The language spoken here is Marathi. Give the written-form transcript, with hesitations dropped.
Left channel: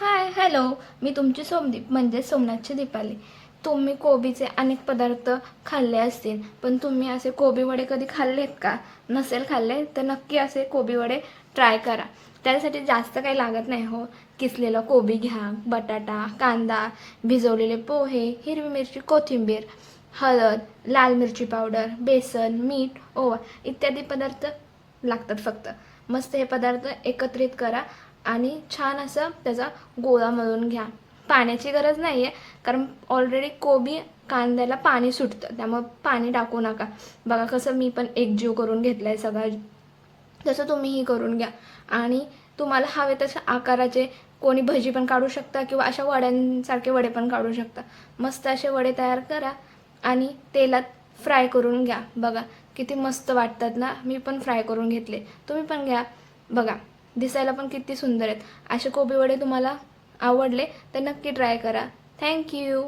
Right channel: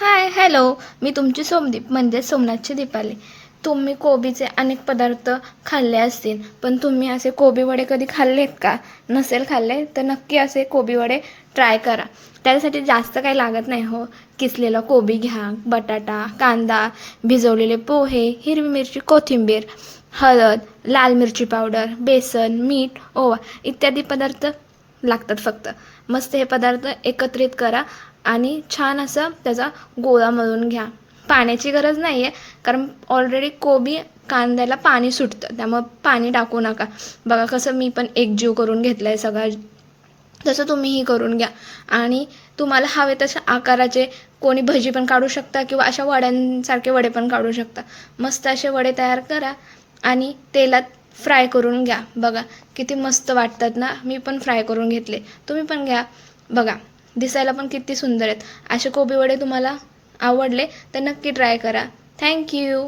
Hi hello. मी तुमची सोमदीप म्हणजे सोमनाथची दीपाली. तुम्ही कोबीचे अनेक पदार्थ खाल्ले असतील, पण तुम्ही असे कोबी वडे कधी खाल्लेत का? नसेल खाल्ले तर नक्की असे कोबी वडे ट्राय करा. त्यासाठी जास्त काही लागत नाही हो. किसलेला कोबी घ्या, बटाटा, कांदा, भिजवलेले पोहे, हिरवी मिरची, कोथिंबीर, हळद, लाल मिरची पावडर, बेसन, मीठ, ओवा इत्यादी पदार्थ लागतात फक्त. मस्त हे पदार्थ एकत्रित करा आणि छान असं त्याचा गोळा मळून घ्या. पाण्याची गरज नाही आहे, कारण ऑलरेडी कोबी कांद्याला पाणी सुटतं, त्यामुळे पाणी टाकू नका. बघा कसं मी पण एकजीव करून घेतला आहे सगळा, तसं तुम्हीही करून घ्या. आणि तुम्हाला हवे तशा आकाराचे कोणी भजी पण काढू शकता किंवा अशा वड्यांसारखे वडे पण काढू शकता. मस्त असे वडे तयार करा आणि तेलात फ्राय करून घ्या. बघा किती मस्त वाटतात ना. मी पण फ्राय करून घेतले, तुम्ही पण घ्या. बघा दिसायला पण किती सुंदर आहेत. असे कोबी वडे तुम्हाला आवडले तर नक्की ट्राय करा. थँक्यू.